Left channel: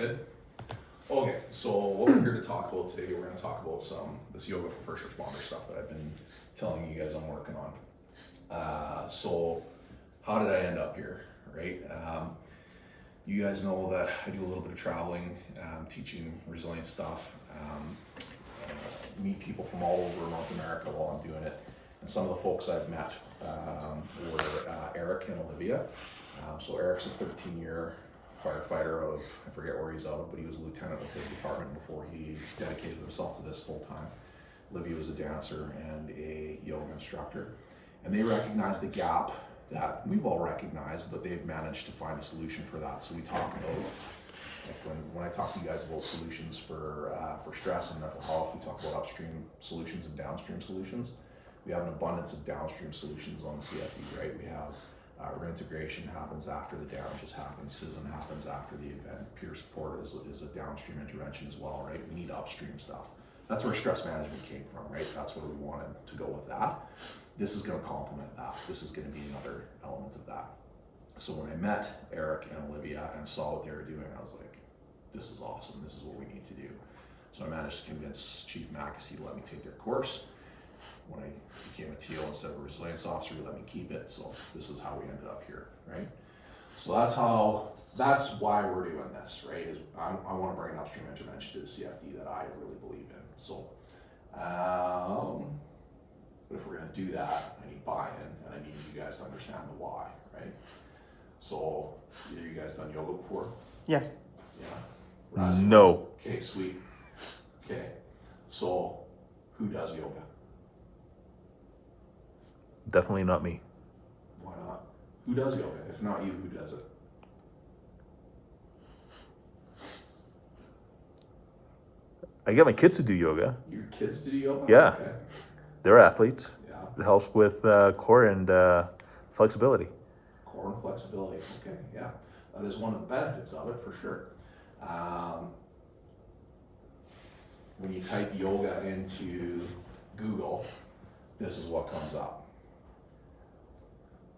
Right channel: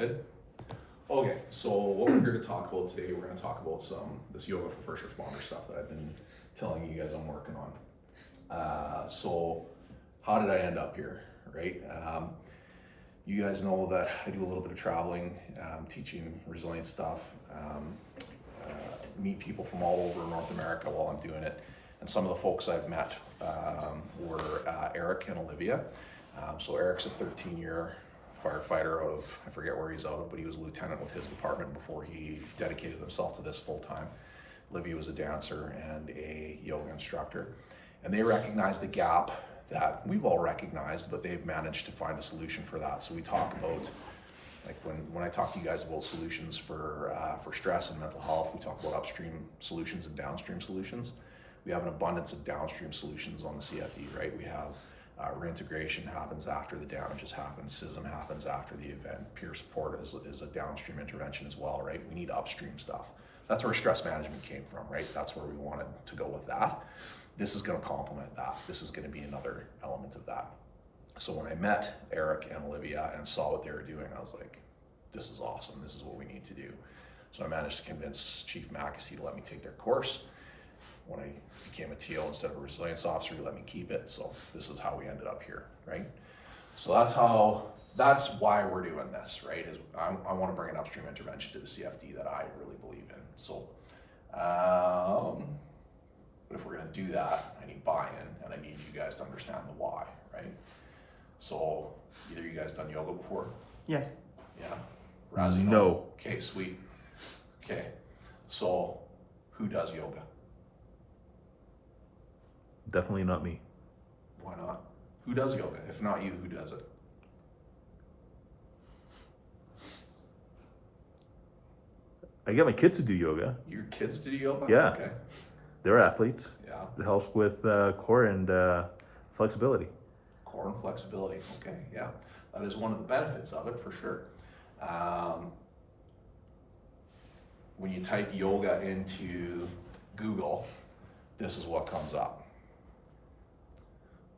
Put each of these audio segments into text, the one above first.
good? Okay, so what we're here to talk about today, we're going to talk about this yoga for first responder stuff that I've been telling you guys I'm working on. So how did I end up here, right? You guys know that I do a little bit of traveling, teaching resilience stuff, meet people from all over North America while I'm doing it. And some of the folks I've met were Eric and Olivia. So Eric's a 13-year firefighter out of, I forget where he's out of, but he was a lieutenant with his department before he dedicated himself to this full time. Olivia was a dancer and a yoga instructor. And they recognized the gap that we've all recognized, but they've managed to find a solution for that. So we talk about, like when I talk to you guys about solutions for stress and mental health, we talk about upstream solutions and downstream solutions. We have an abundance of downstream solutions on the CFD, right? We have reintegration happens after the damages happen, CISM happens after the event, peer support is a downstream intervention as well, right? We need upstream stuff. That's where stress management came from, right? That's where we wanted to go with that. This is going to complement that. This is going to be another element of that. So when I met Eric and Olivia and saw what they were doing, I was like, this is awesome. This is what we need to do. So I managed to convince Chief Mackesy to let me take their course. When I became a TO instead of a resilience officer, he let me keep it. So this is how we ended up here, right? So that's why we're doing this, right? Is I want to bring an upstream intervention to the CFD that I really believe in. So, but if we're going to do that, I need buy-in and I need you guys to understand the why, right? So either you guys done yoga before? Yes. Yeah. Razi? No. Okay, sweet. Okay, so who does yoga? Definitely not me. Why not? Who does yoga? If not you, who does it? I get my kids to do yoga. Your kids to do yoga? Yeah. Okay. They're athletes. Yeah. It helps with core and flexibility. Core and flexibility. Okay, yeah. That is one of the benefits of it for sure. When you type yoga into Google, this is what comes up,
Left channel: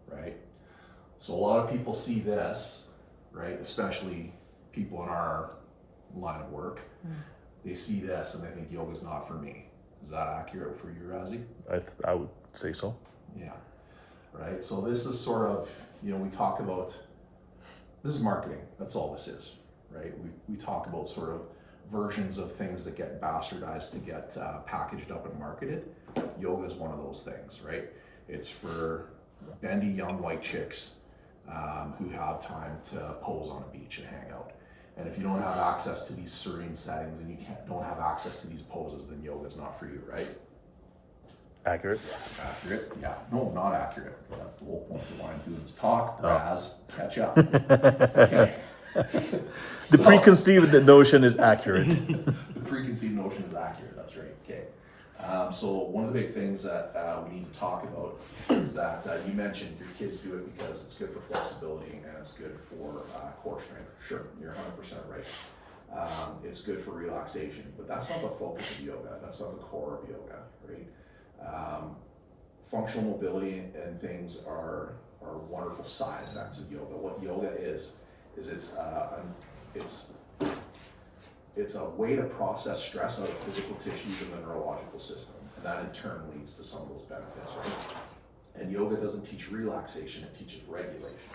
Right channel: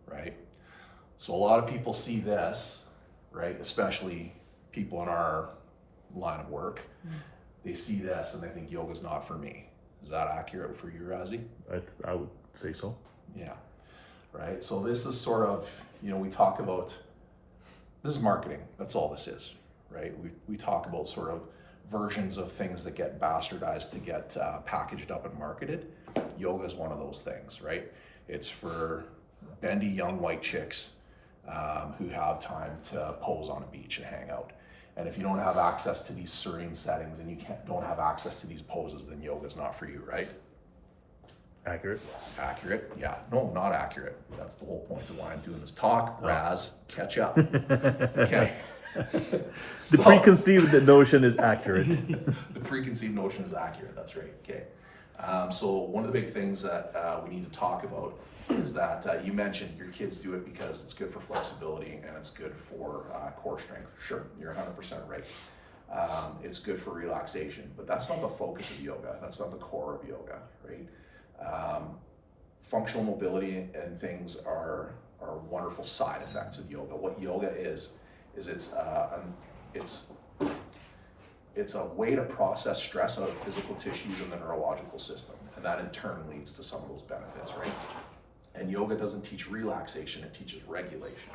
right? So a lot of people see this, right? Especially people in our line of work. They see this and they think yoga's not for me. Is that accurate for you, Razi? I would say so. Yeah, right? So this is sort of, we talk about, this is marketing. That's all this is, right? We talk about sort of versions of things that get bastardized to get packaged up and marketed. Yoga is one of those things, right? It's for bendy young white chicks who have time to pose on a beach and hang out. And if you don't have access to these serene settings and you don't have access to these poses, then yoga is not for you, right? Accurate. Accurate? Yeah. No, not accurate. That's the whole point of why I'm doing this talk. Raz, catch up. Okay. The preconceived notion is accurate. The preconceived notion is accurate. That's right. Okay. So one of the big things that we need to talk about is that you mentioned your kids do it because it's good for flexibility and it's good for core strength. Sure, you're 100% right. It's good for relaxation, but that's not the focus of yoga. That's not the core of yoga, right? Functional mobility and things are wonderful side effects of yoga. What yoga is it's a way to process stress out of physical tissues and the neurological system, and that in turn leads to some of those benefits, right? And yoga doesn't teach relaxation, it teaches regulation,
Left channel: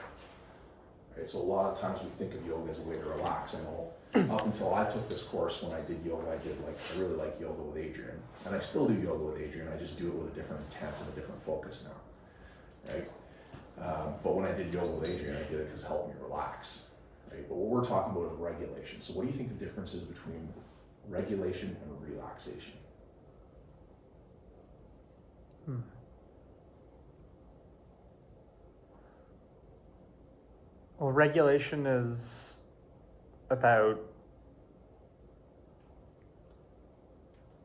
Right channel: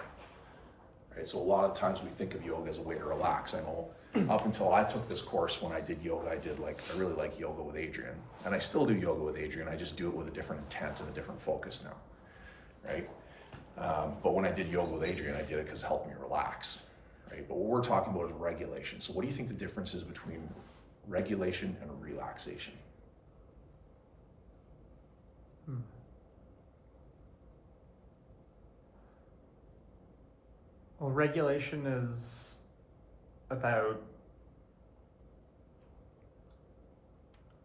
right? So a lot of times we think of yoga as a way to relax. I know up until I took this course, when I did yoga, I really like yoga with Adrian, and I still do yoga with Adrian. I just do it with a different intent and a different focus now, right? But when I did yoga with Adrian, I did it because it helped me relax. Right? But what we're talking about is regulation. So what do you think the difference is between regulation and relaxation? Well, regulation is about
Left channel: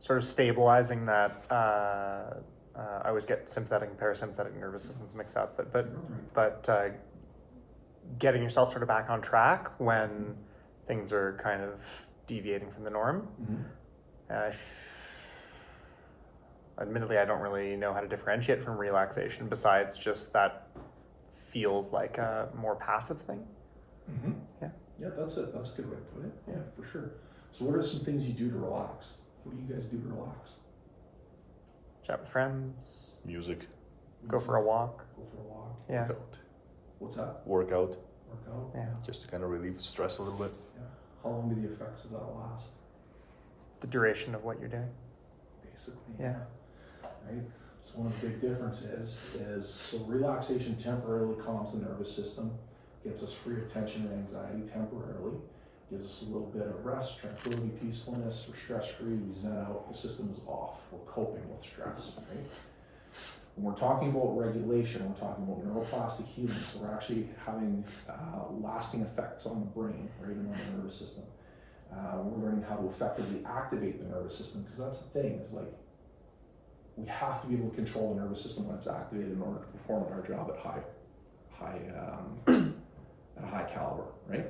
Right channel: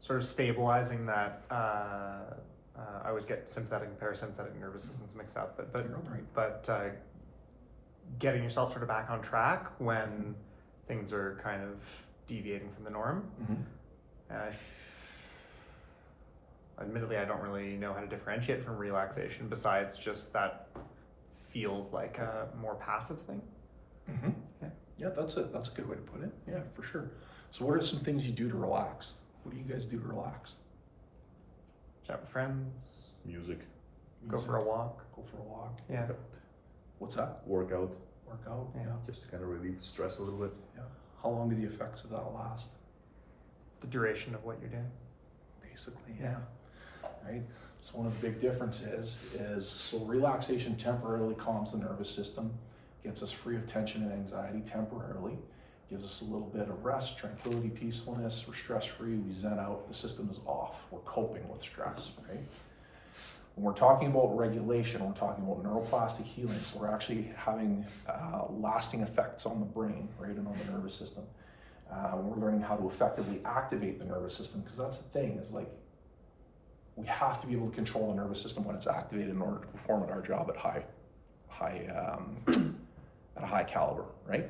sort of stabilizing that. I always get sympathetic and parasympathetic nervous systems mixed up, but getting yourself sort of back on track when things are kind of deviating from the norm. Mm-hmm. Admittedly, I don't really know how to differentiate from relaxation besides just that feels like a more passive thing. Mm-hmm. Yeah. Yeah, that's a good way to put it. Yeah, for sure. So what are some things you do to relax? What do you guys do to relax? Chat with friends, Music, go for a walk. Go for a walk. Yeah. workout, What's that? workout, Work out. Yeah. just to kind of relieve stress a little bit. Yeah. How long do the effects of that last? The duration of what you're doing. Basically, Yeah. Right. So one of the big differences is so relaxation temporarily calms the nervous system, gets us free of tension and anxiety temporarily, gives us a little bit of rest, tranquility, peacefulness. We're stress free. We zen out. The system is off. We're coping with stress. Right. When we're talking about regulation, we're talking about neuroplastic healing. So we're actually having lasting effects on the brain, right, and on the nervous system. We're learning how to effectively activate the nervous system, because that's the thing, is like we have to be able to control the nervous system when it's activated in order to perform at our job at at a high caliber, right?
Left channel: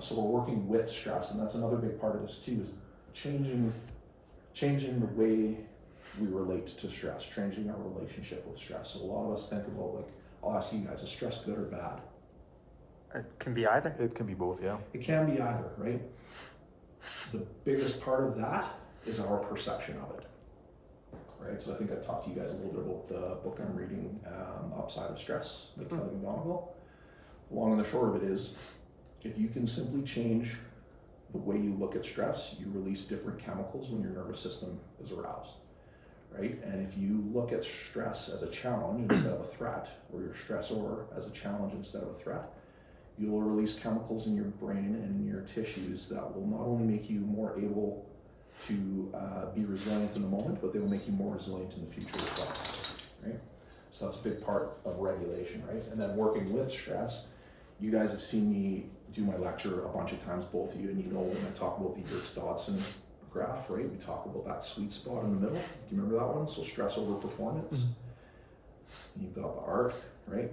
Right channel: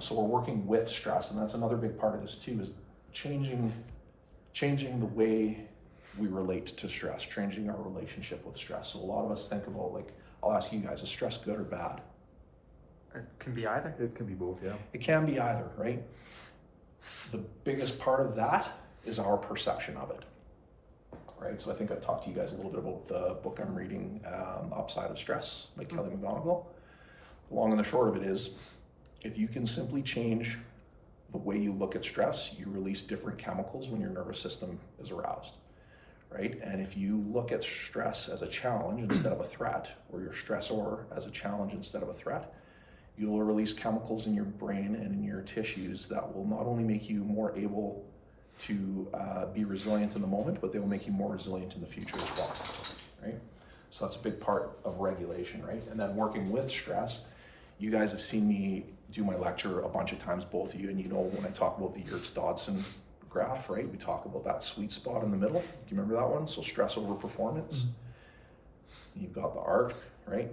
So we're working with stress, and that's another big part of this too, is changing the way we relate to stress, changing our relationship with stress. So a lot of us think about, like, I'll ask you guys, is stress good or bad? It can be either. It can be both, yeah. It can be either, right? The biggest part of that is our perception of it, right? So I think I talked to you guys a little bit about the book I'm reading, Upside of Stress by Kelly McGonigal. The long and the short of it is, if you can simply change the way you look at stress, you release different chemicals when your nervous system is aroused, right? And if you look at stress as a challenge instead of a threat, or your stressor as a challenge instead of a threat, you'll release chemicals in your brain and in your tissues that will not only make you more able to be resilient in the moment, but they will make you more resilient in the future as well, right? So that's a big part of regulation, right? And then working with stress, you guys have seen me do my lecture a bunch of times, both of you, and you know when I talk about the Yerkes-Dodson graph, right? We talk about that sweet spot in the middle. Do you remember that one? So stress over performance. You've got the arc, right?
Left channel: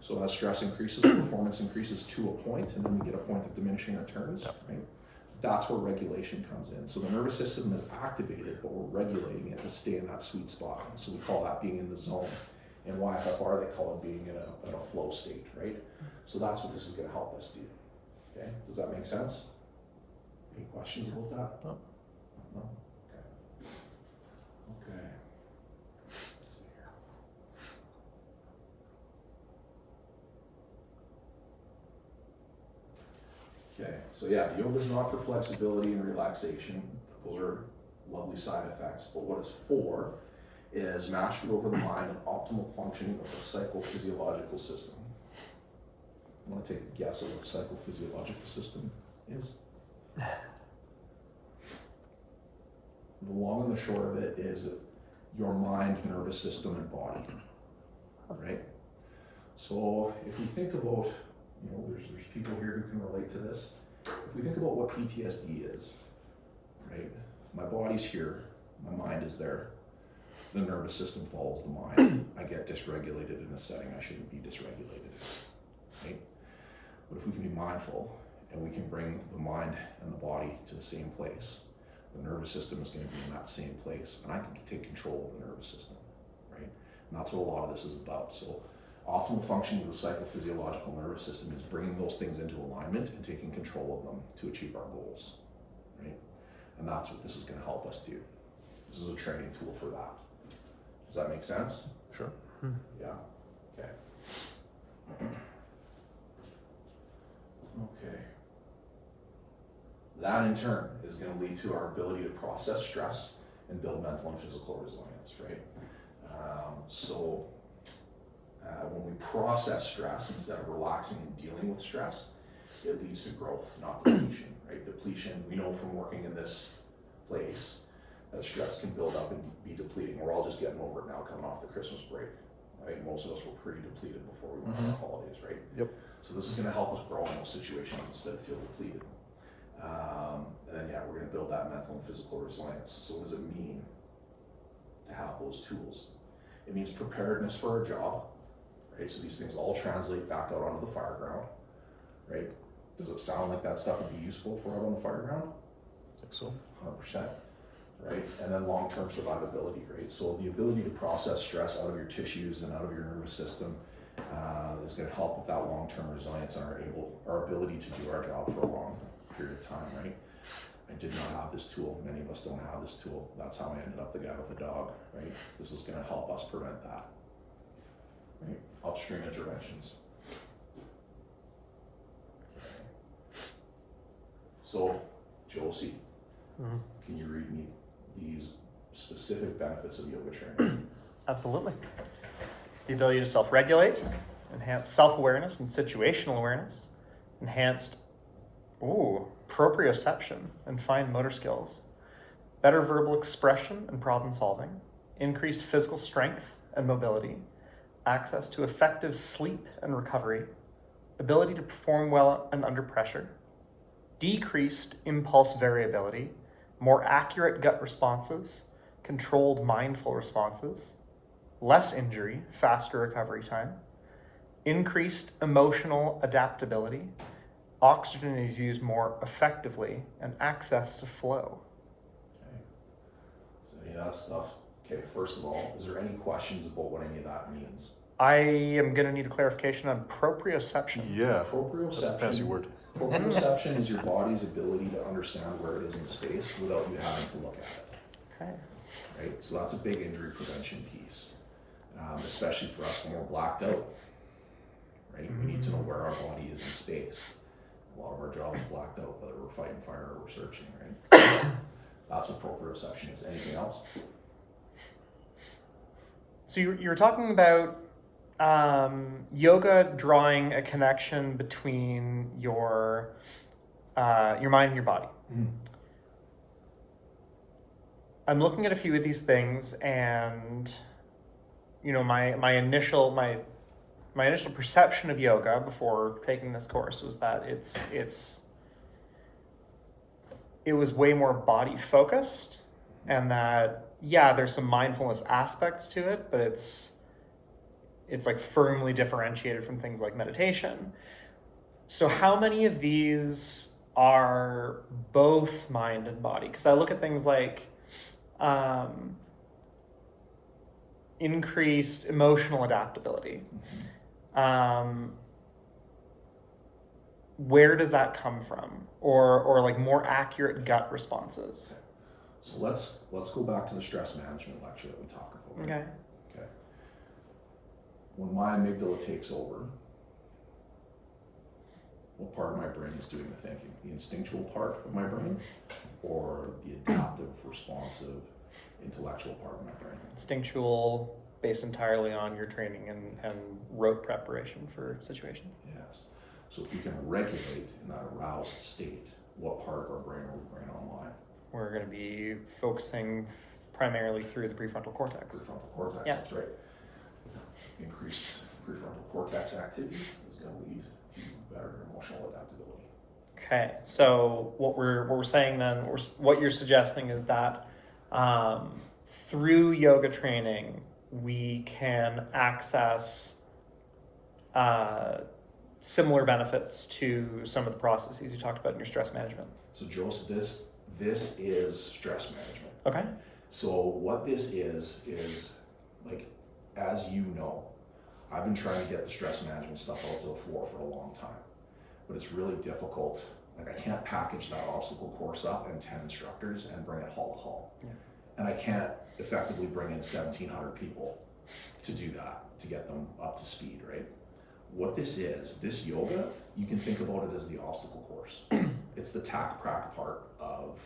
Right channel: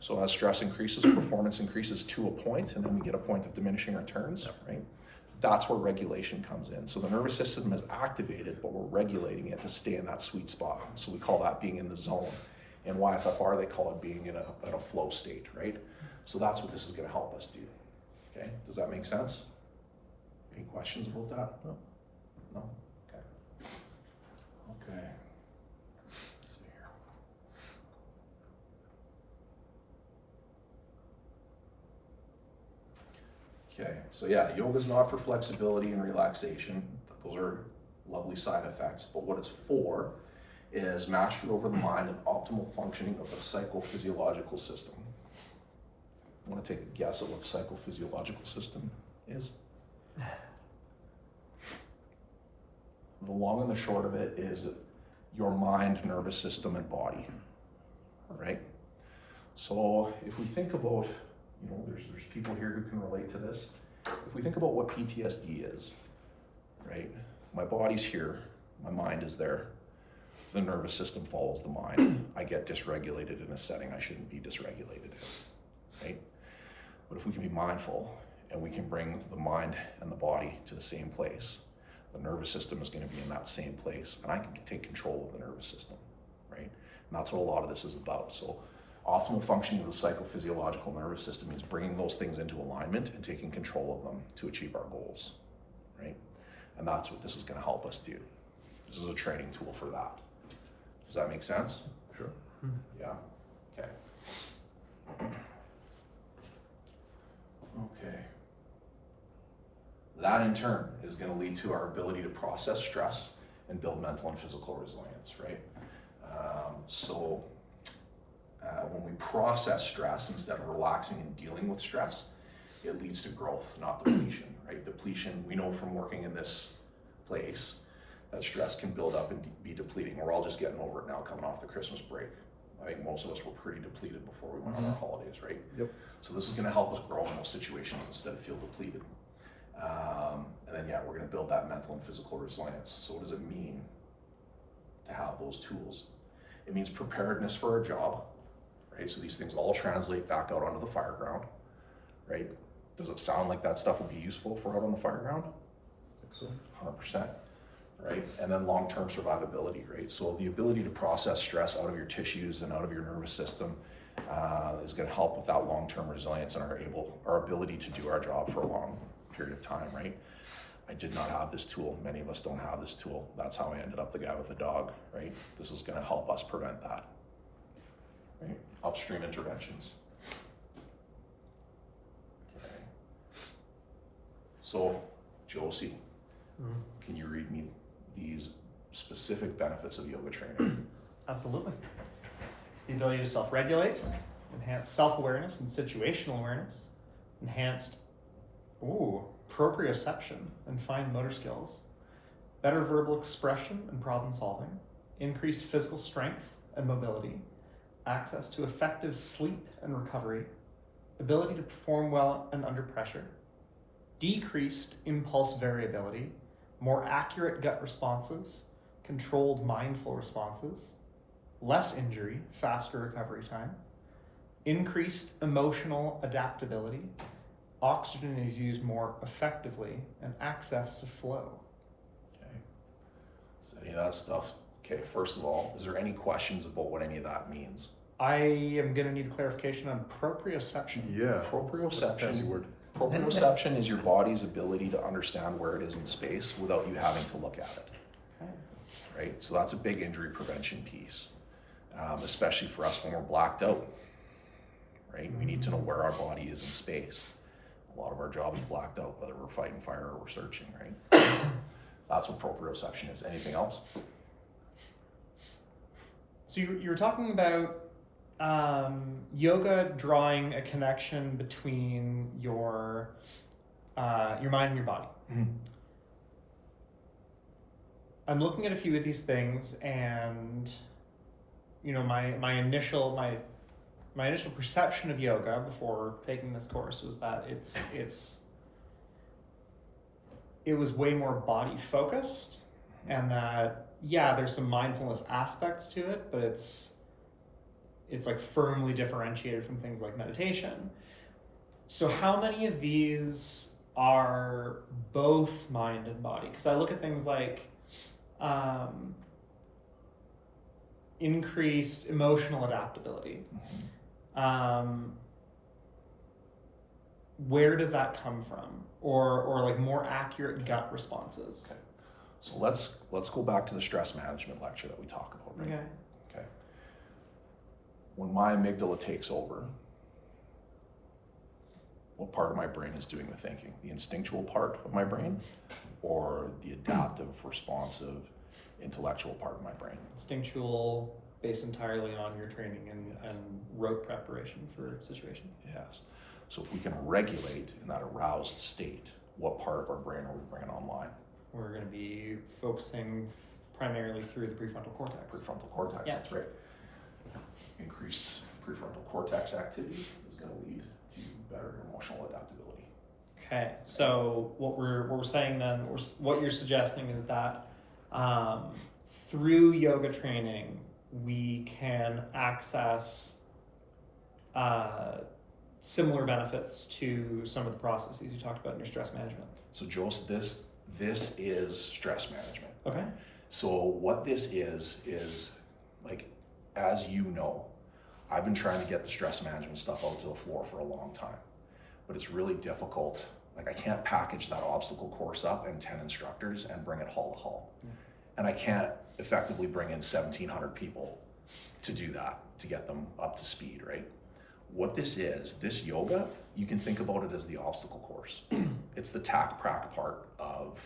So as stress increases, performance increases to a point, and then we get a point of diminishing returns, right? That's where regulation comes in. So the nervous system is activated, but we're regulating it to stay in that sweet spot. So we call that being in the zone. In YFFR, they call it being in a flow state, right? So that's what this is going to help us do. Okay, does that make sense? Any questions about that? No. No? Okay. Okay. Let's see here. Okay, so yeah, yoga is not for flexibility and relaxation. Those are lovely side effects. But what it's for is mastery over the mind and optimal functioning of the psychophysiological system. You want to take a guess at what the psychophysiological system is? The long and the short of it is your mind, nervous system, and body, right? So if we think about, you know, there's people here who can relate to this. If we think about what PTSD is, right? My body's here, my mind is there. The nervous system follows the mind. I get dysregulated in a setting I shouldn't be dysregulated in, right? But if we can be mindful and we can bring the mind and the body to the same place, the nervous system is going to be in that same place, and I can take control of the nervous system, right? And that's what a lot of this is about. So optimal functioning of the psychophysiological nervous system means bringing those things into alignment and taking control of them to achieve our goals, right? And that's what this is going to help us do. This is a training tool for that. Does that make sense? Sure. Yeah. Okay. Okay. That in turn is going to lead to our ability to process stress and build mental and physical resilience, right? When we process stress instead of relaxing and dealing with stress, it leads to growth, not depletion, right? Depletion, we know from working in this place that stress can build up and be depleting. We're all just getting over it now coming off the Christmas break. I think most of us were pretty depleted before we went on our holidays, right? Yep. So this is going to help us grow in those situations instead of feel depleted. And then, yeah, we're going to build that mental and physical resilience. So what does it mean to have those tools? It means preparedness for a job, right? So these things all translate back out onto the fire ground, right? Does it sound like that stuff would be useful for out on the fire ground? I think so. 100%, right? And then long-term survivability, right? So the ability to process stress out of your tissues and out of your nervous system is going to help with that long-term resilience and our ability to do our job for a long period of time, right? I did not have this tool. Many of us don't have this tool. That's how I ended up the guy with the dog, right? This is going to help us prevent that, right? Upstream interventions. Okay. So, Josie, can you read me these specific benefits of yoga training? Absolutely. The ability to self-regulate, enhanced self-awareness and situational awareness, enhanced proprioception and fine motor skills, better verbal expression and problem solving, increased physical strength and mobility, access to effective sleep and recovery, ability to perform well and under pressure, decreased impulse variability, more accurate gut responses, controlled mindful responses, less injury, faster recovery time, increased emotional adaptability, oxygen is used more effectively, and access to flow. Okay. Is any of that stuff? Okay, first of all, is there any questions about what any of that means? I am going to need a clarification on proprioception. Yeah, Proprioception. that's a fancy word. Proprioception is your body's ability to understand where it is in space without you having to look at it. Okay. Right? So that's a big injury prevention piece, especially for us when we're blacked out. Right? We need to know where our body is in space. A lot of our job is blacked out, whether we're fighting fire or we're searching, right? That's what proprioception is. Anything else? So you're talking about yoga drawing a connection between your mind and your body. Mm-hmm. I'm looking at a few of these things, and my initial perception of yoga before taking this course was that it was way more body focused, and that there's some mindfulness aspects to it, but it's like firmly differentiated from things like meditation. So how many of these are both mind and body? Because I look at things like increased emotional adaptability. Where does that come from? Or like more accurate gut responses? Okay. So let's go back to the stress management lecture that we talk about. Right? Okay. When my amygdala takes over, what part of my brain is doing the thinking? The instinctual part of my brain, or the adaptive, responsive, intellectual part of my brain? Instinctual, based entirely on your training and rote preparation for situations. Yes. So if we can regulate in that aroused state, what part of our brain are we bringing online? We're going to be focusing primarily through the prefrontal cortex. Prefrontal cortex, Yeah. That's right. Increased prefrontal cortex activity is going to lead to better emotional adaptability. Okay, so what we're saying then, what you're suggesting is that through yoga training, we can access similar benefits to some of the processes you talked about in your stress management. So Joseph, this is stress management. Okay. So what this is like, as you know, I've been trying to get the stress management stuff out to the floor for a long time, but it's really difficult. Like, I can't package that obstacle course up in 10 instructors and bring it hall to hall. Yeah. And I can't effectively bring in 1,700 people to do that, to get them up to speed, right? What this yoga, you can think about it as the obstacle course. It's the tack-prack part of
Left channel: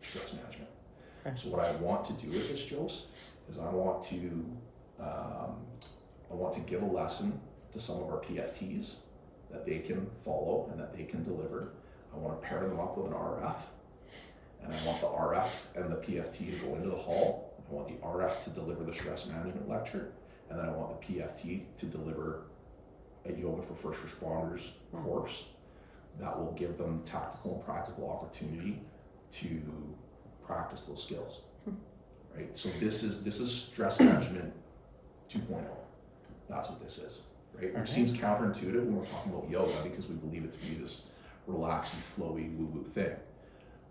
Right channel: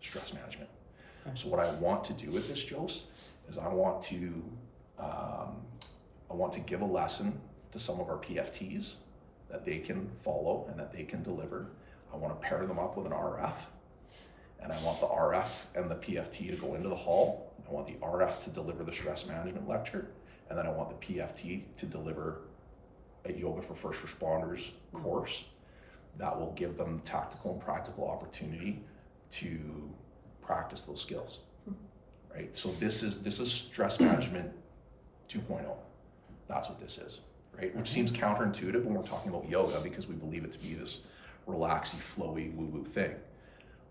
stress management. Okay. So what I want to do with this, Jose, is I want to give a lesson to some of our PFTs that they can follow and that they can deliver. I want to pair them up with an RF, and I want the RF and the PFT to go into the hall. I want the RF to deliver the stress management lecture, and then I want the PFT to deliver a yoga for first responders course that will give them tactical and practical opportunity to practice those skills, right? So this is stress management 2.0. That's what this is, right? Which seems counterintuitive when we're talking about yoga, because we believe it to be this relaxy, flowy, woo-woo thing.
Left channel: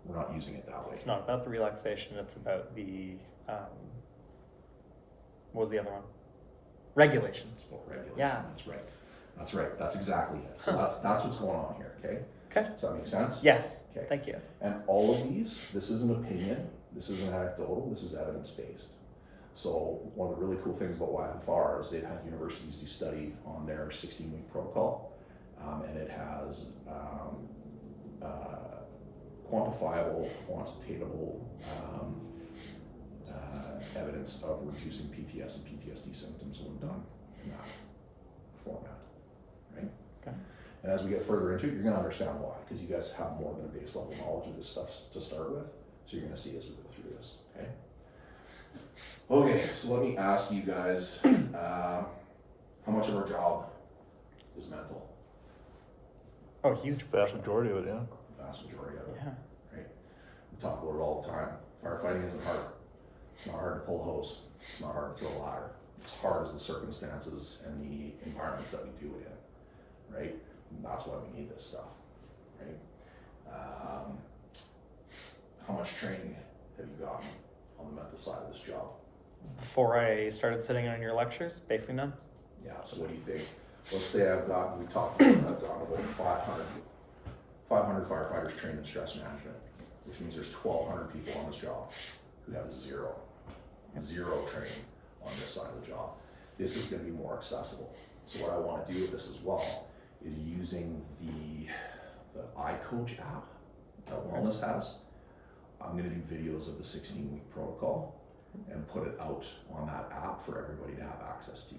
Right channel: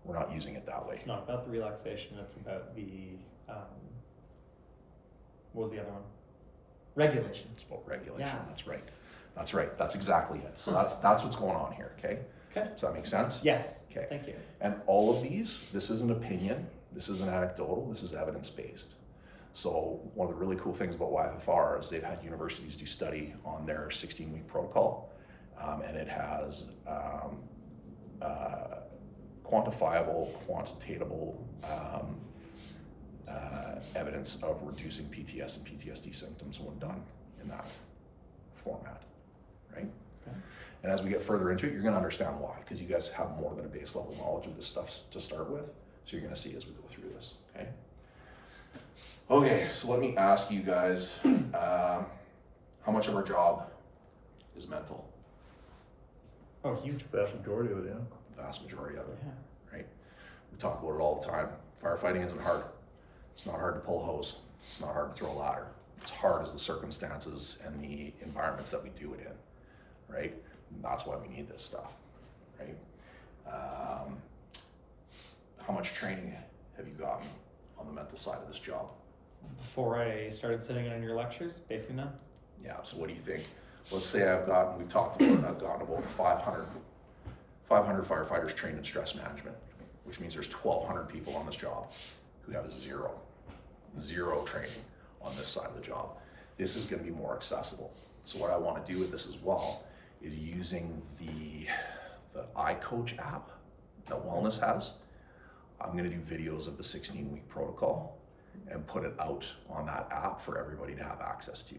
We're not using it that way. It's not about the relaxation, it's about the What was the other one? Regulation. It's about regulation. Yeah. That's right. That's right. That's exactly it. So that's what's going on here. Okay. Okay. Does that make sense? Yes. Okay. Thank you. And all of these, this isn't opinion. This isn't anecdotal. This is evidence based. So one of the really cool things about YFFR is they've had universities do study on their 16-week protocol, and it has quantifiable, quantitatable evidence of reducing PTS and PTSD symptoms when done in that format, right? Okay. And as we get further into it, you're going to understand why, because you guys have more than a base level knowledge of this stuff to start with. So you're going to see as we go through this, okay? Okay, so let me ask you guys, how much of our job is mental? Oh, huge. Vast majority of it, yeah. Vast majority of it, Yeah. right? We talk about it all the time. Firefighting isn't hard. It's not hard to pull a hose. It's not hard to throw a ladder. It's hard as the circumstances and the environments that we do it in, right? And that's why we need this stuff, right? How much training have you gotten on the mental side of this job? Before I started sitting in on your lectures, basically none. Yeah, so what do you think? Let's say we talked about, I've got about 500 firefighters trained in stress management, which means there's 1,200 people on this job who have zero training on this side of the job. This is gonna be more accessible. So what I wanna do with this as well is using the iCoach app that Wellness has. I'm gonna do videos of the 16-week protocol and put it out on that app for everybody to have access to,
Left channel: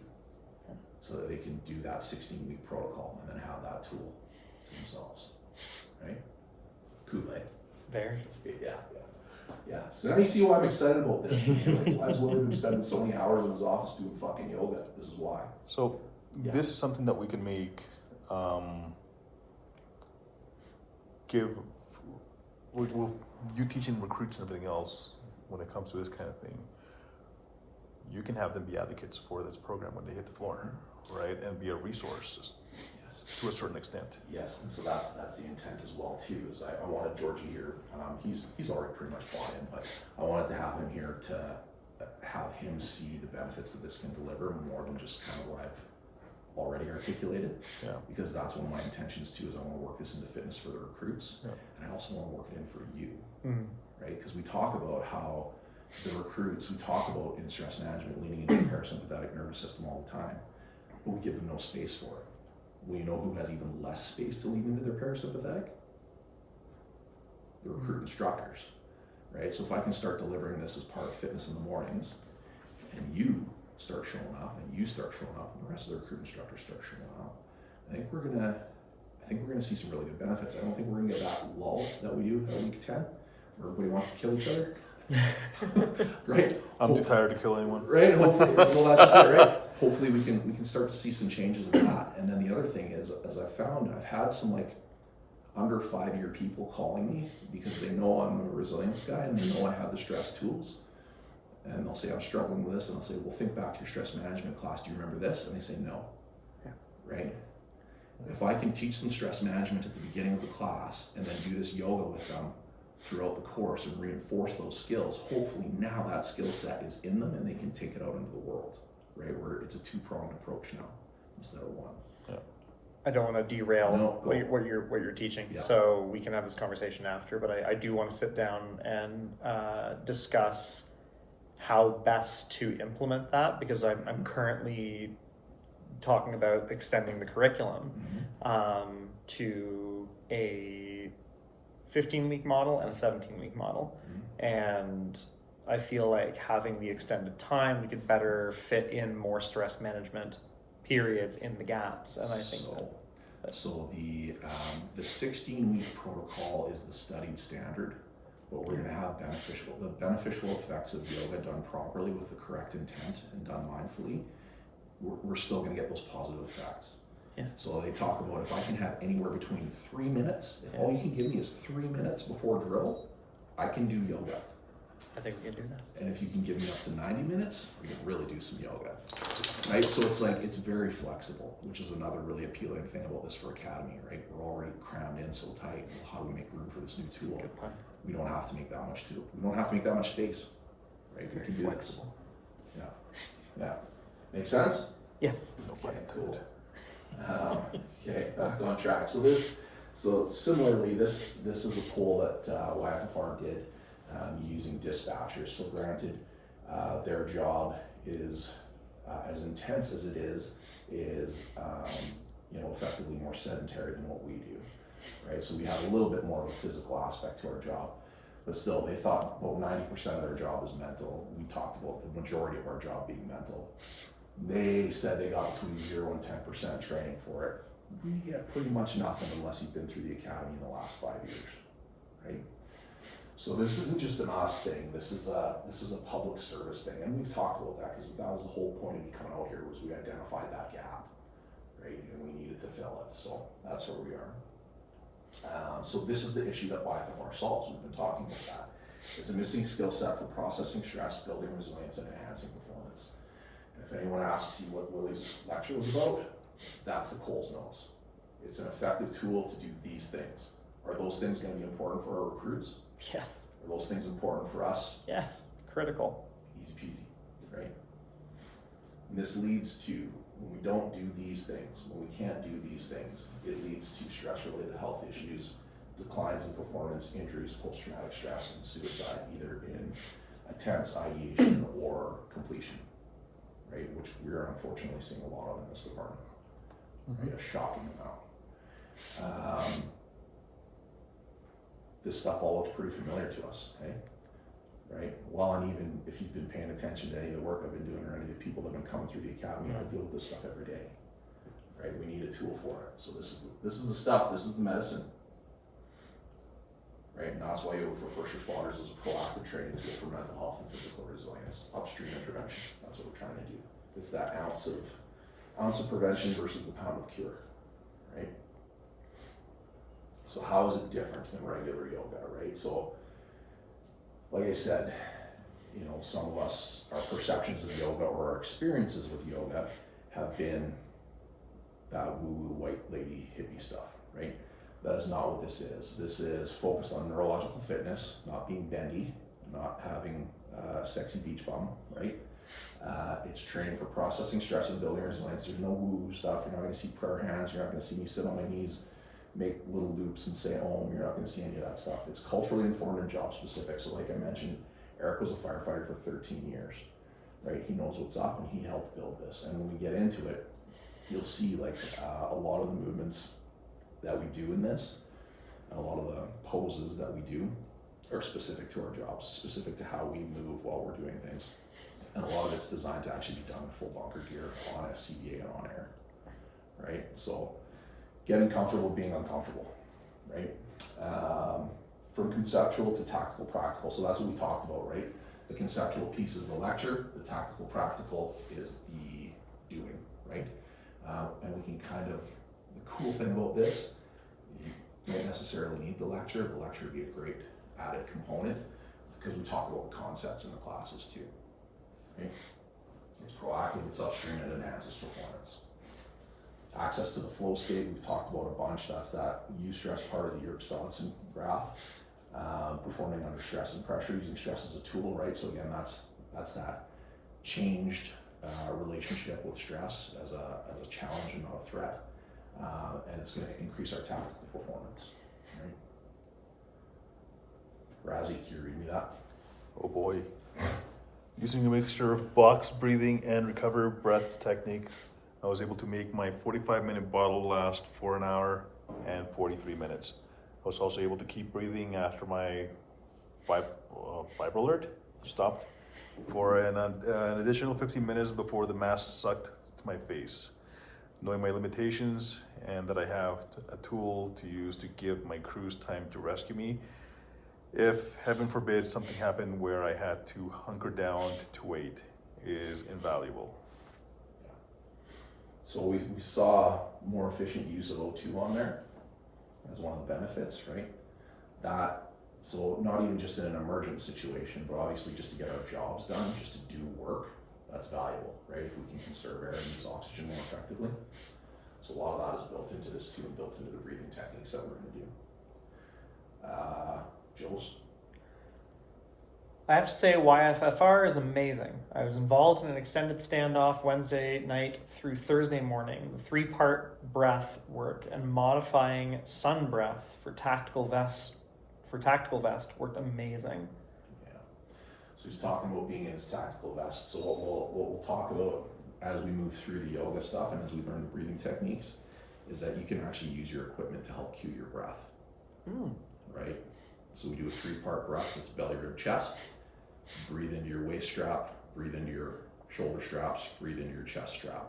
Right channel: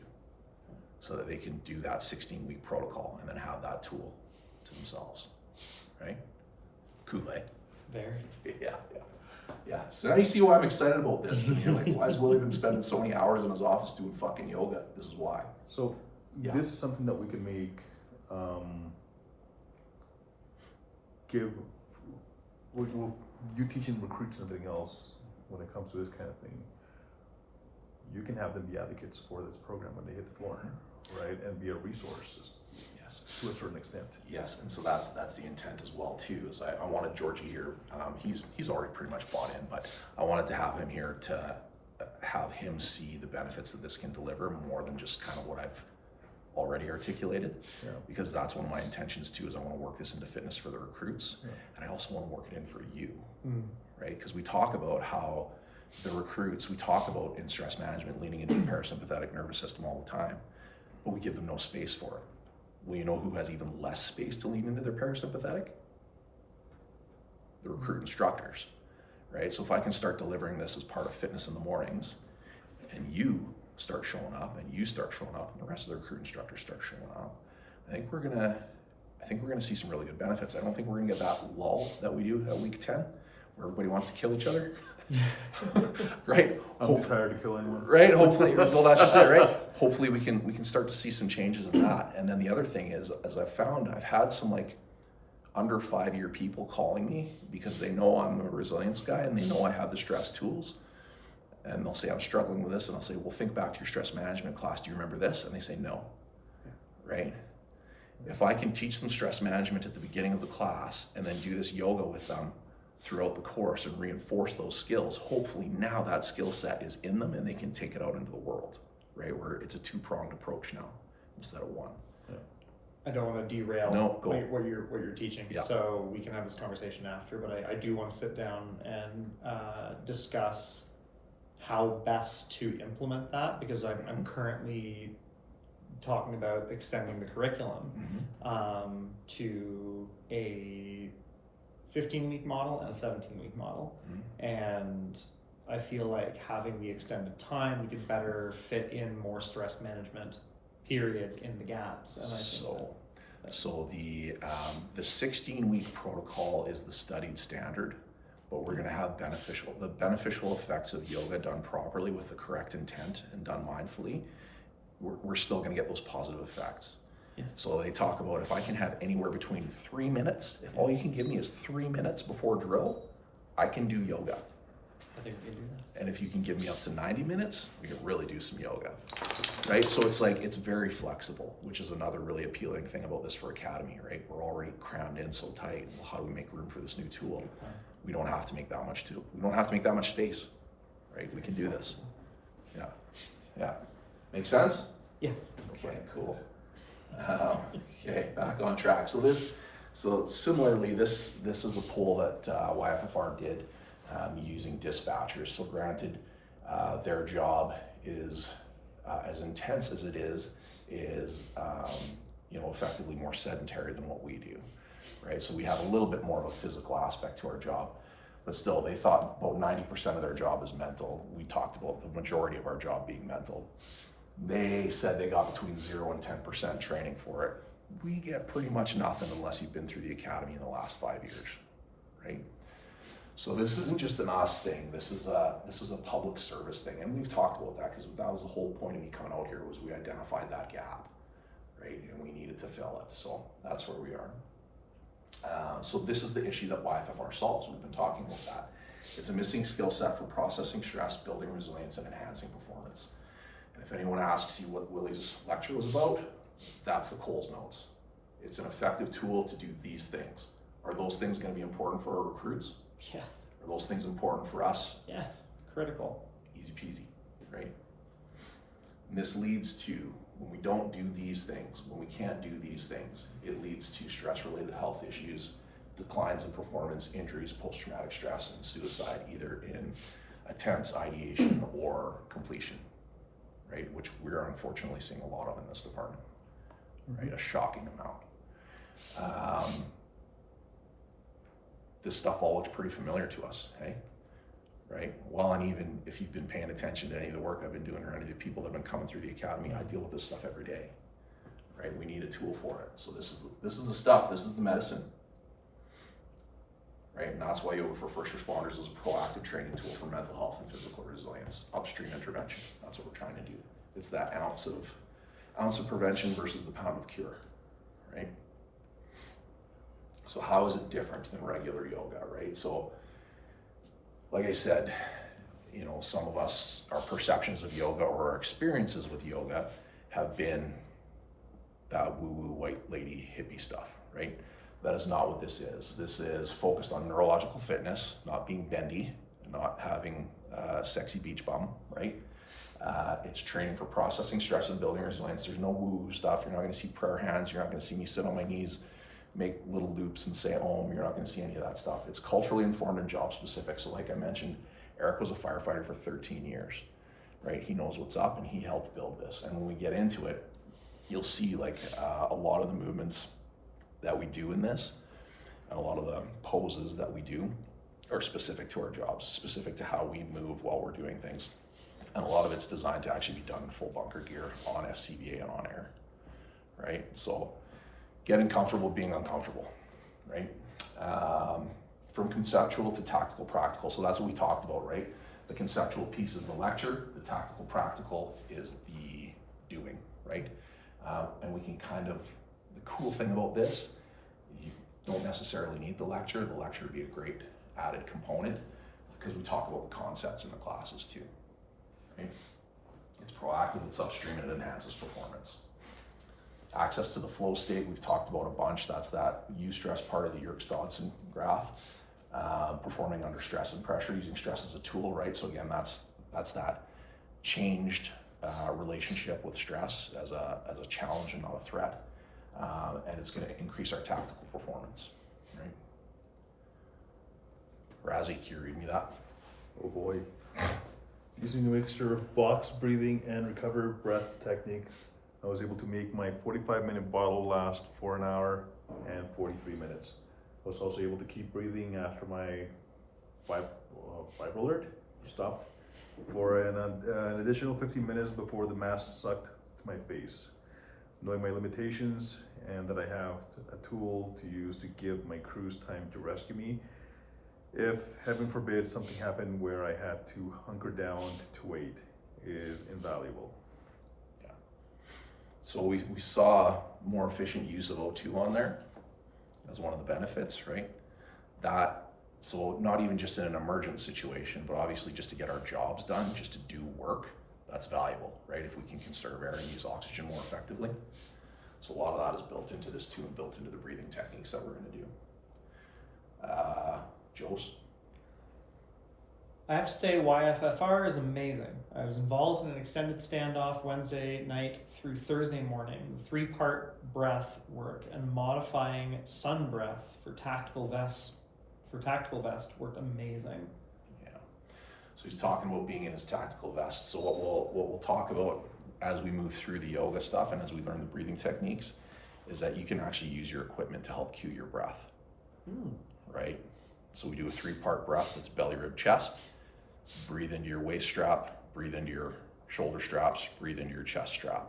so that they can do that 16-week protocol and then have that tool to themselves, right? Cool, eh? Very. Yeah. So now you see why I'm excited about this. You're like, why has Willy been spending so many hours in his office doing fucking yoga? This is why. So Yeah. this is something that we can make, well, you teaching recruits and everything else when it comes to this kind of thing, you can have them be advocates for this program when they hit the floor, right? And be a resource Yes. to a certain extent. Yes, and so that's the intent as well too. Is I wanted Georgie here. He's already pretty much bought in, but I wanted to have him here to have him see the benefits that this can deliver more than just kind of what I've already articulated. Yeah. Because that's one of my intentions too. Is I want to work this into fitness for the recruits, Yeah. and I also want to work it in for you, Mm. right? Because we talk about how the recruits, we talk about in stress management leaning into the parasympathetic nervous system all the time, but we give them no space for it. Well, you know who has even less space to lean into their parasympathetic? The recruit instructors, right? So if I can start delivering this as part of fitness in the mornings, and you start showing up, and you start showing up, and the rest of the recruit instructors start showing up, I think we're gonna see some really good benefits. I don't think we're gonna get that lull that we do at week 10, where everybody wants to kill each other. Right? I'm too tired to kill anyone. Right, hopefully, well, that's just it, right? Hopefully we can start to see some changes in that. And then the other thing is, as I've found, I've had some like under 5-year people calling me because they know I'm a resilience guy and they know I have the stress tools. And they'll say, I'm struggling with this. And I'll say, well, think back to your stress management class. Do you remember this? And they say, no, right? If I can teach them stress management at the beginning of the class and then do this yoga with them throughout the course and reinforce those skills, hopefully now that skill set is in them and they can take it out into the world, right? Where it's a 2-pronged approach now instead of one. I don't want to derail No, go. what you're teaching, Yeah. so we can have this conversation after, but I do want to sit down and discuss how best to implement that, because I'm currently talking about extending the curriculum to a 15-week model and a 17-week model. And I feel like having the extended time, we could better fit in more stress management periods in the gaps. And I think So the 16-week protocol is the studied standard, but we're going to have the beneficial effects of yoga done properly with the correct intent and done mindfully. We're still going to get those positive effects. Yeah. So they talk about if I can have anywhere between 3 minutes, if all you can give me is 3 minutes before drill, I can do yoga. I think we can do that. And if you can give me up to 90 minutes, we can really do some yoga, right? So it's like, it's very flexible, which is another really appealing thing about this for Academy, right? We're already crammed in so tight. Well, how do we make room for this new tool? We don't have to make that much we don't have to make that much space, right? We can do this. Yeah. Yeah. Make sense? Yes. No pun intended. Okay, back on track. So similarly, this is a poll that YFFR did using dispatchers. So granted, their job is as intense as it is effectively more sedentary than what we do, right? So we have a little bit more of a physical aspect to our job, but still, they thought about 90% of their job is mental. We talked about the majority of our job being mental. They said they got between 0 and 10% training for it. We get pretty much nothing unless you've been through the academy in the last 5 years, right? So this isn't just an us thing. This is a public service thing, and we've talked about that because that was the whole point of me coming out here, was we identified that gap, right? And we needed to fill it. So that's where we are. So this is the issue that YFFR solves. We've been talking about that. It's a missing skill set for processing stress, building resilience, and enhancing performance. And if anyone asks you what Willy's lecture was about, that's the Coles notes. It's an effective tool to do these things. Are those things going to be important for our recruits? Yes. Are those things important for us? Yes. Critical. Easy peasy, right? And this leads to, when we don't do these things, when we can't do these things, it leads to stress-related health issues, declines in performance, injuries, post-traumatic stress, and suicide, either in attempts, ideation, or completion, right? Which we're unfortunately seeing a lot of in this department, right? A shocking amount. This stuff all looks pretty familiar to us, eh? Right? Well, and even if you've been paying attention to any of the work I've been doing, or any of the people that have been coming through the academy, I deal with this stuff every day, right? We need a tool for it. So this is the stuff, this is the medicine, right? And that's why Yoga for First Responders is a proactive training tool for mental health and physical resilience, upstream intervention. That's what we're trying to do. It's that ounce of prevention versus the pound of cure, right? So how is it different than regular yoga, right? So, like I said, some of us, our perceptions of yoga or our experiences with yoga have been that woo-woo white lady hippie stuff, right? That is not what this is. This is focused on neurological fitness, not being bendy, not having a sexy beach bum, right? It's training for processing stress and building resilience. There's no woo-woo stuff. You're not gonna see prayer hands. You're not gonna see me sit on my knees, make little loops and say Om. You're not going to see any of that stuff. It's culturally informed and job specific. So like I mentioned, Eric was a firefighter for 13 years, right? He knows what's up and he helped build this. And when we get into it, you'll see like a lot of the movements that we do in this, and a lot of the poses that we do are specific to our jobs, specific to how we move while we're doing things. And a lot of it's designed to actually be done in full bunker gear on SCBA and on air, right? So getting comfortable being uncomfortable, right? From conceptual to tactical practical. So that's what we talked about, right? The conceptual piece is the lecture, the tactical practical is the doing, right? And we can the cool thing about this, you don't necessarily need the lecture. The lecture would be a great added component because we talk about the concepts in the classes too, right? It's proactive, it's upstream, and it enhances performance. Access to the flow state, we've talked about a bunch. That's that U-stress part of the Yerkes-Dodson graph. Performing under stress and pressure, using stress as a tool, right? So again, that's that changed relationship with stress as a challenge and not a threat. And it's gonna increase our tactical performance, right? Razzie, can you read me that? Oh boy. Using a mixture of box breathing and recover breaths techniques, I was able to make my 45-minute bottle last for an hour and 43 minutes. I was also able to keep breathing after my fiber alert stopped for an additional 15 minutes before the mask sucked to my face. Knowing my limitations and that I have a tool to use to give my crews time to rescue me, if heaven forbid something happened where I had to hunker down to wait, is invaluable. So we saw more efficient use of O2 on there as one of the benefits, right? So not even just in an emergent situation, but obviously just to get our jobs done, just to do work, that's valuable, right? If we can conserve air and use oxygen more effectively. So a lot of that is built into this too, and built into the breathing techniques that we're gonna do. Joes? I have to say YFFR is amazing. I was involved in an extended standoff Wednesday night through Thursday morning. The 3-part breath work and modifying sun breath for tactical vest worked amazing. Yeah. So he's talking about being in his tactical vest. So what we'll talk about as we move through the yoga stuff and as we learn the breathing techniques is that you can actually use your equipment to help cue your breath. Right? So we do a 3-part breath. It's belly, rib, chest. Breathe into your waist strap, breathe into your shoulder straps, breathe into your chest strap.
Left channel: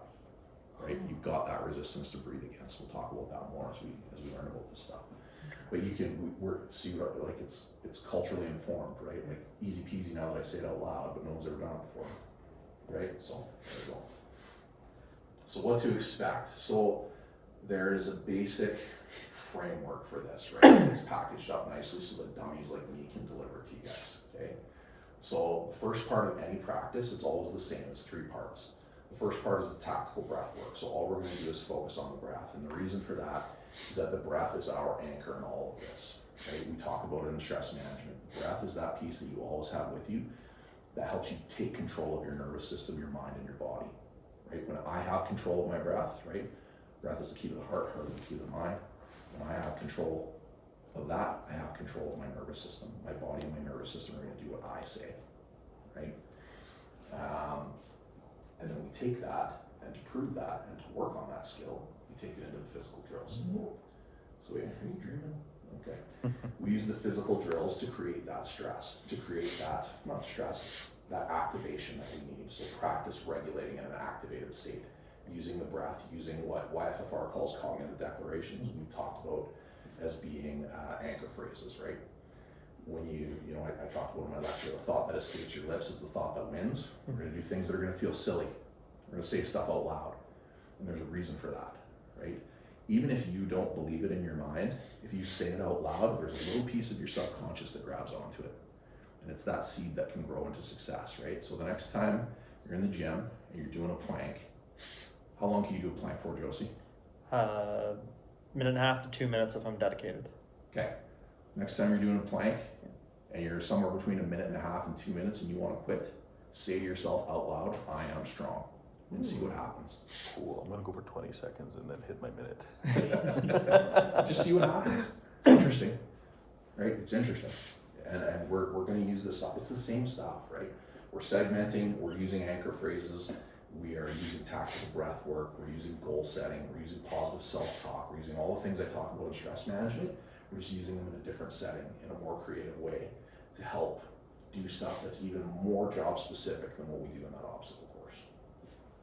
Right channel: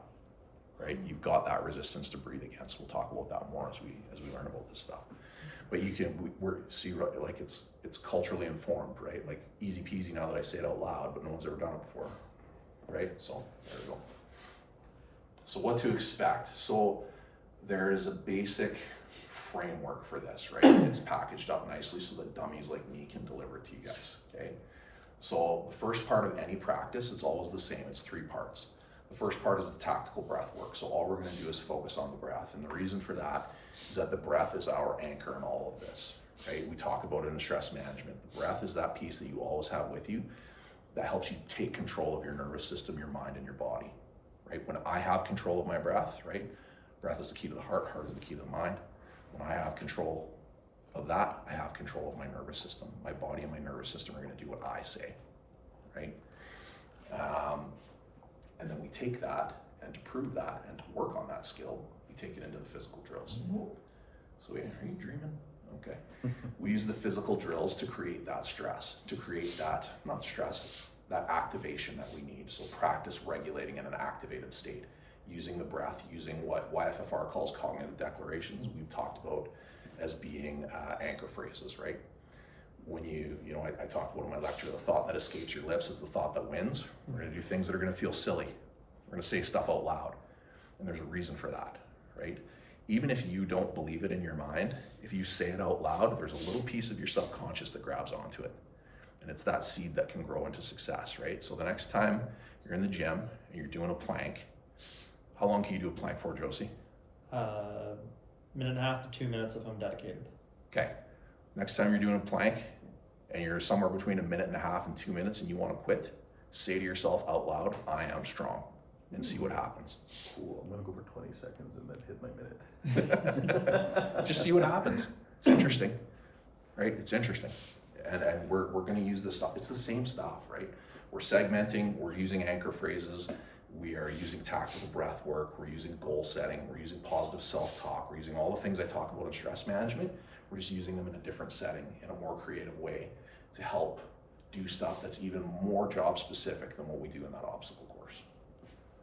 Right? You've got that resistance to breathe against. We'll talk about that more as we learn about this stuff. But you can like it's culturally informed, right? Like easy peasy now that I say it out loud, but no one's ever done it before. Right? So there we go. So what to expect? So there is a basic framework for this, right? It's packaged up nicely so that dummies like me can deliver it to you guys. Okay. So the first part of any practice, it's always the same. It's 3 parts. The first part is the tactical breath work. So all we're going to do is focus on the breath. And the reason for that is that the breath is our anchor in all of this. Right? We talk about it in stress management. The breath is that piece that you always have with you that helps you take control of your nervous system, your mind, and your body. Right? When I have control of my breath, right? Breath is the key to the heart, heart is the key to the mind. When I have control of that, I have control of my nervous system. My body and my nervous system are going to do what I say, right? And then we take that, and to prove that, and to work on that skill, we take it into the physical drills. So, are you dreaming? Okay. We use the physical drills to create that stress, to create that, not stress, that activation that we need. So practice regulating in an activated state, using the breath, using what YFFR calls cognitive declarations. We've talked about as being anchor phrases, right? When I talked about in my lecture, the thought that escapes your lips is the thought that wins. We're going to do things that are going to feel silly. We're going to say stuff out loud, and there's a reason for that, right? Even if you don't believe it in your mind, if you say it out loud, there's a little piece of your subconscious that grabs onto it, and it's that seed that can grow into success, right? So the next time you're in the gym and you're doing a plank, how long can you do a plank for, Josie? 1.5 to 2 minutes if I'm dedicated. Okay. Next time you're doing a plank and you're somewhere between 1.5 minutes and 2 minutes and you want to quit, say to yourself out loud, I am strong, and see what happens. Cool. I'm gonna go for 20 seconds and then hit my minute. Just see what happens. It's interesting, right? It's interesting. And we're going to use this stuff. It's the same stuff, right? We're segmenting, we're using anchor phrases, we are using tactical breath work, we're using goal setting, we're using positive self-talk, we're using all the things I talk about in stress management. We're just using them in a different setting, in a more creative way to help do stuff that's even more job specific than what we do in that obstacle course.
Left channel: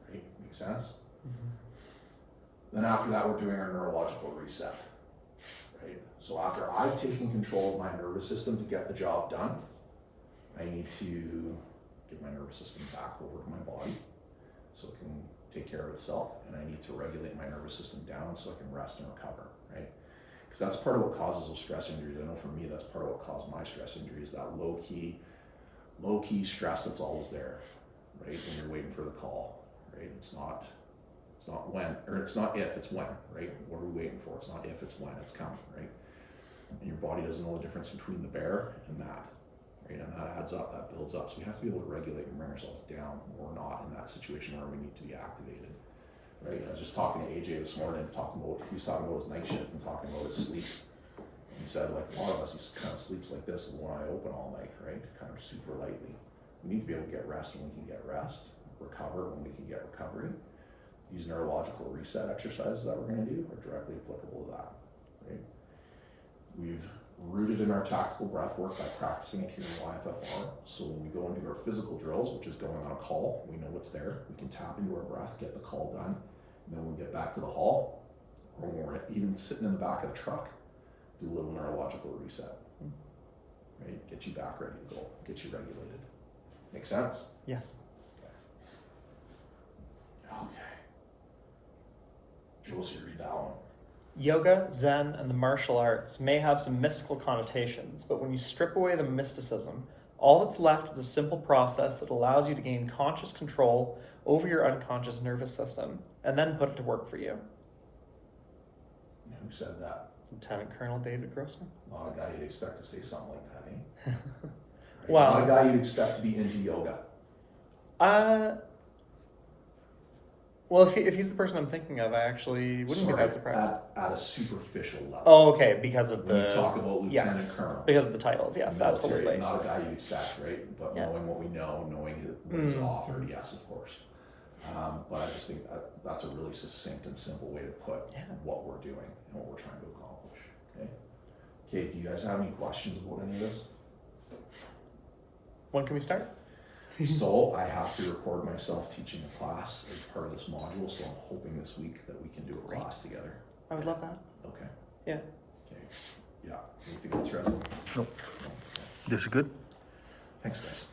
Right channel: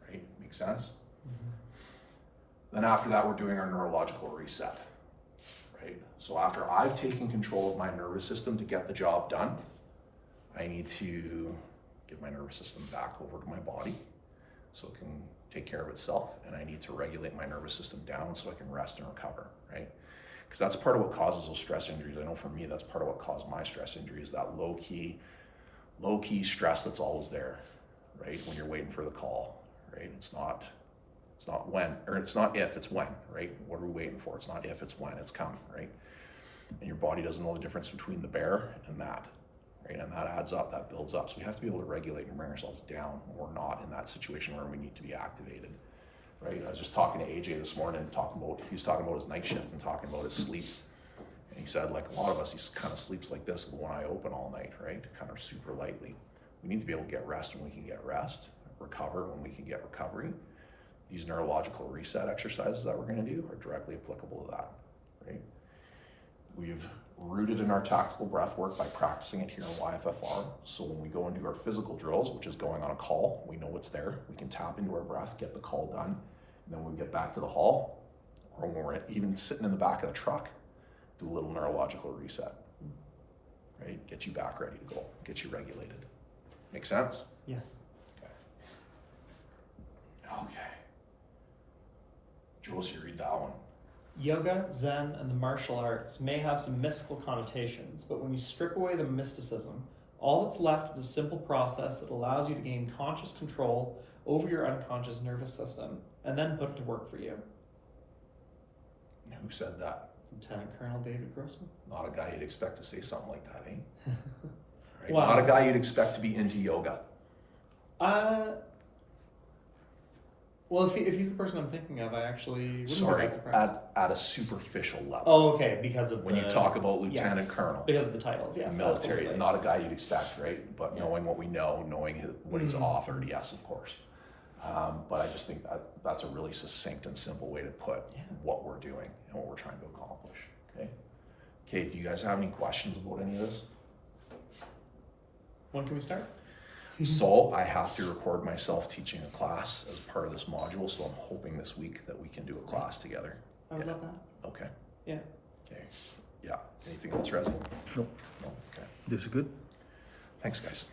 Right? Make sense? Mm-hmm. Then after that, we're doing our neurological reset. Right? So after I've taken control of my nervous system to get the job done, I need to get my nervous system back over to my body so it can take care of itself, and I need to regulate my nervous system down so I can rest and recover, right? Because that's part of what causes those stress injuries. I know for me, that's part of what caused my stress injuries, that low-key stress that's always there, right? When you're waiting for the call, right? It's not when, or it's not if, it's when, right? What are we waiting for? It's not if, it's when, it's coming, right? And your body doesn't know the difference between the bear and that, right? And that adds up, that builds up. So we have to be able to regulate and bring ourselves down when we're not in that situation where we need to be activated. Right, I was just talking to AJ this morning, he was talking about his night shift and talking about his sleep. And he said, like a lot of us, he kind of sleeps like this with one eye open all night, right? Kind of super lightly. We need to be able to get rest when we can get rest, recover when we can get recovery. These neurological reset exercises that we're going to do are directly applicable to that, right? We've rooted in our tactical breath work by practicing it here in YFFR. So when we go into our physical drills, which is going on a call, we know what's there. We can tap into our breath, get the call done. And then when we get back to the hall, or when we're even sitting in the back of the truck, do a little neurological reset, right? Get you back ready to go, get you regulated. Make sense? Yes. Okay. Josie, read that one. Yoga, Zen, and the martial arts may have some mystical connotations, but when you strip away the mysticism, all that's left is a simple process that allows you to gain conscious control over your unconscious nervous system and then put it to work for you. Who said that? Lieutenant Colonel David Grossman. Not a guy you'd expect to say something like that, eh? Right? Wow. Not a guy you'd expect to be into yoga. Well, if he's the person I'm thinking of, I actually wouldn't be Sorry, that surprised. at a superficial level. Oh, okay, because of When the... you talk about lieutenant yes, colonel, because of the titles, the yes, military, absolutely. not a guy you'd expect, right? But Yeah. knowing what we know, knowing what he's Mhm. authored, yes, of course. But I just think that's a really succinct and simple way to put Yeah. what we're doing and what we're trying to accomplish. Okay. Kate, do you guys have any questions about any of this? When can we start? So I have to record myself teaching a class as part of this module, so I'm hoping this week that we can do a class together. I would Yeah. love that. Okay. Yeah. Okay. Yeah. Anything else, Rez? Nope. No. Okay. This is good. Thanks, guys.